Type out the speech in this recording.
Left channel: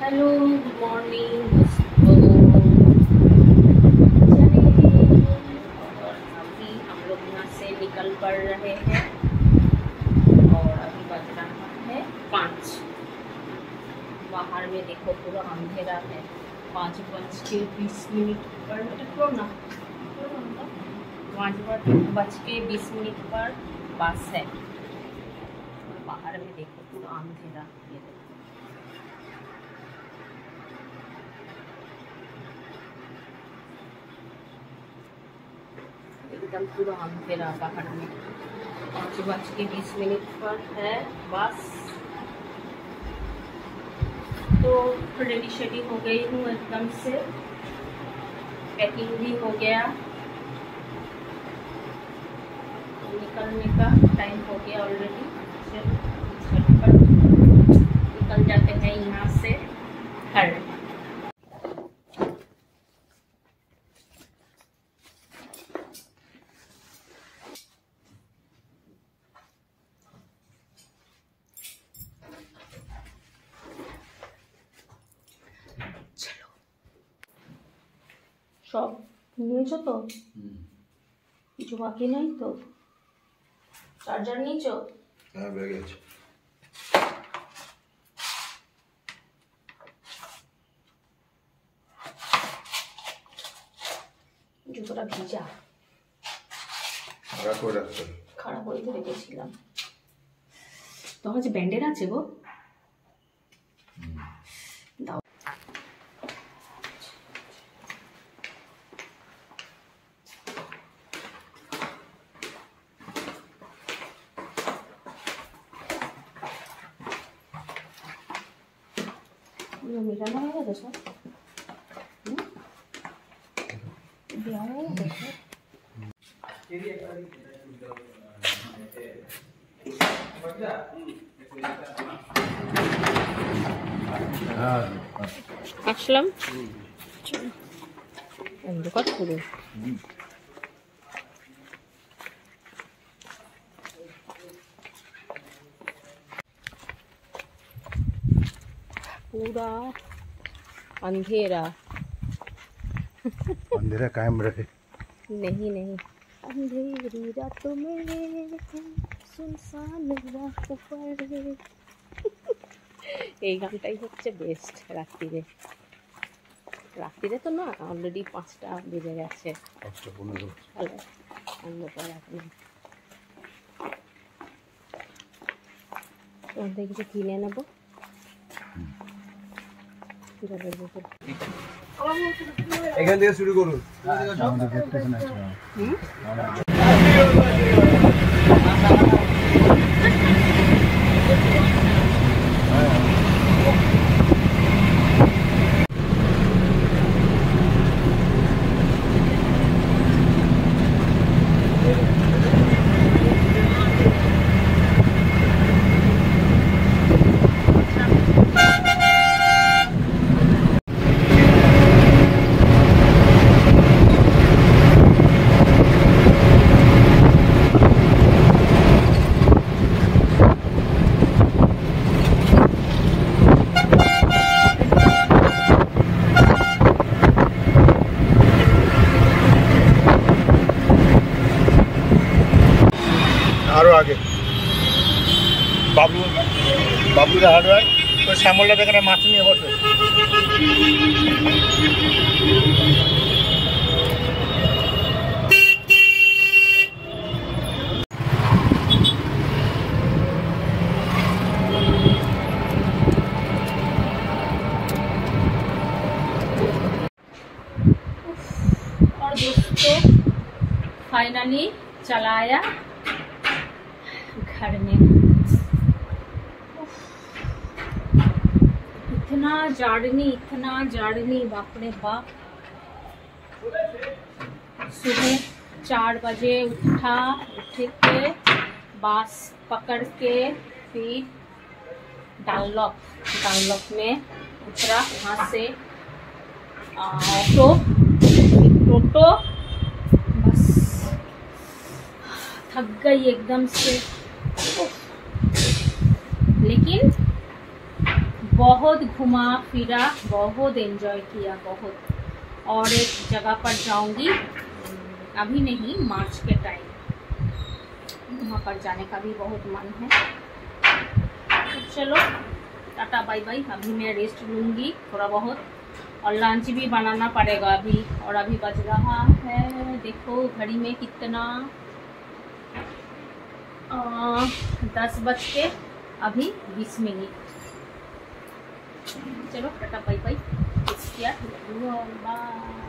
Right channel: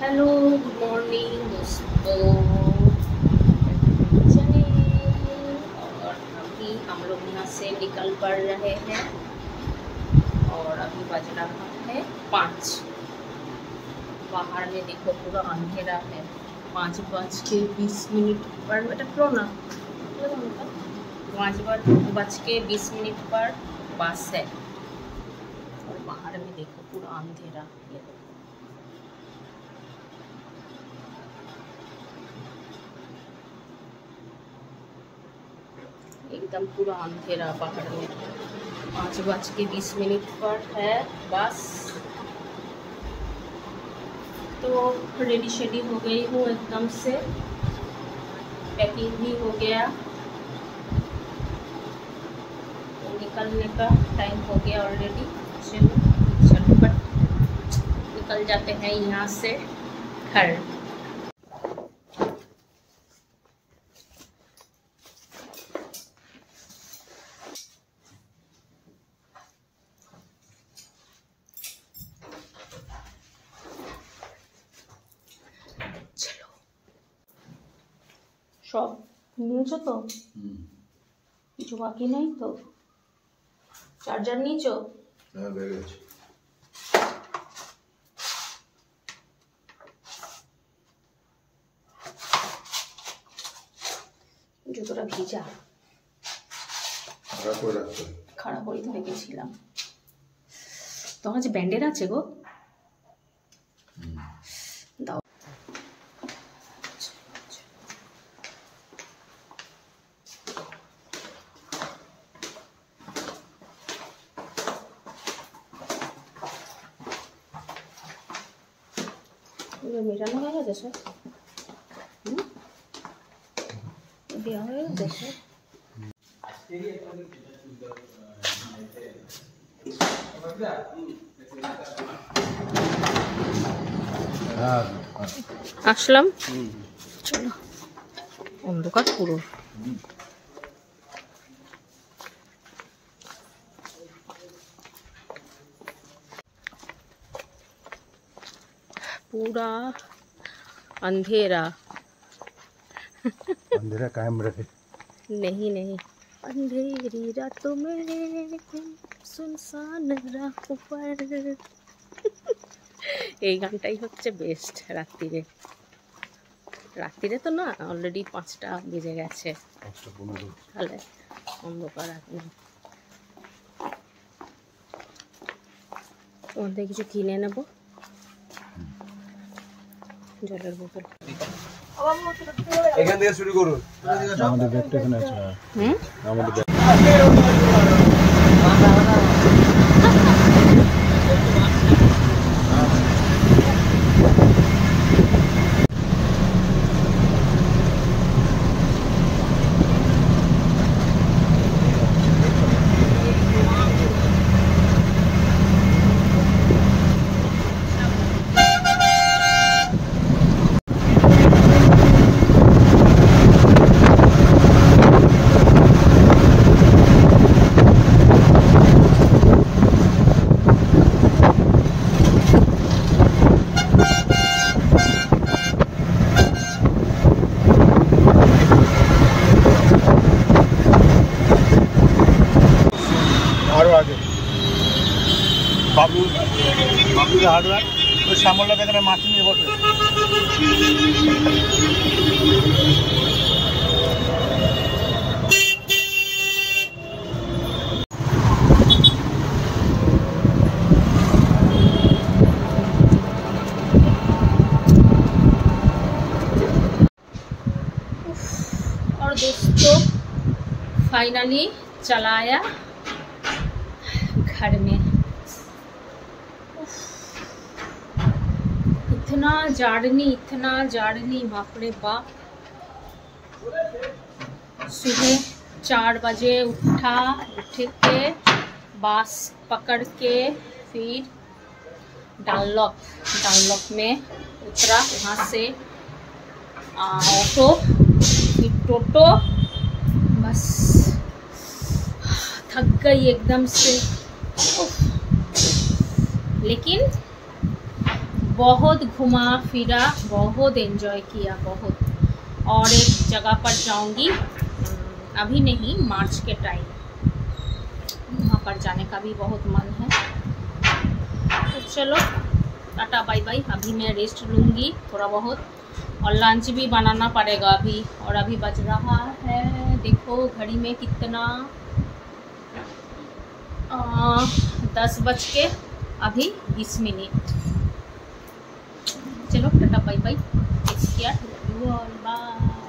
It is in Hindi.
हेलो गुड मॉर्निंग दोस्तों। चलिए और अभी हम लोग यहाँ से निकल पड़ रहे हैं और अभी बज रहा है 5। बाहर में देखो पूरा अंधेरा है। 5:20 पर बेटा क्यों ना 5:20 पर बस है और बाहर में देखो पूरा अंधेरा। ये देखो एकदम पूरा अंधेरा बाहर में। 5:20 पर है बस। तो रेडी शेडी हो गई हूँ एकदम से। पैकिंग भी हो गया। तो निकलने का टाइम हो गया ऑलरेडी। चलो पर निकल जाते हैं यहाँ से घर। সব নিয়েছো তো? কিছু বাকি নাই তো? চার্জার নিয়েছো? হ্যাঁ ব্যাগে আছে। জুতোটা ভিজা। খারাপ করে রাখতে। খারাপ হয়ে তো রেখেছিলাম। তোমার কাছে ব্যান্ডেড আছে গো? দাও। মেটানো হয়ে গেছে সব? দেওয়া হয়ে গেছে সব? আসলাম। চলো অন্ধকার পুরো। पूरा अंधेरा। अंधेरा कायम रहे। नहीं अंधेरी रातों में सुनसान राहों पर। এই গানটাই হচ্ছে বেস্ট রাত্রিরে। রাত্রিরে তো না, অলরেডি 5টা বেজে গেছে। তাহলে অন্ধকার এখন। ওখান থেকে কিছু কিনে নেবো। জলের বোতল এখান থেকে শুরু করুন। আমাদের ব্যাগটা এখানে আছে। আমাদের আরো আগে বাবলুর হার্ডওয়্যার ওই শ্যামলটা এখানে মাছ নিয়ে বসে। और दोस्तों फाइनली चला आया घर में। इतना जार्नी बाप रे बाप। सुबह 4 बजे उठ के बस पकड़ के फिर डानलॉप में उतरा। वहाँ से टोटो बस थक गई एकदम से। लेकिन बहुत घुमा फिरा, बहुत एंजॉय किया, बहुत। और एक जगह पर जाऊंगी, अभी नहीं, मार्च के टाइम, वहाँ पर जाने का भी बहुत मन है। तो चलो टाटा बाय बाय। अभी मैं रेस्ट लूँगी थोड़ा बहुत, और लंच भी बनाना पड़ेगा अभी। और अभी बज रहा है, देखो घड़ी में कितना, 10:20 चलो tata bye bye, take care, bye.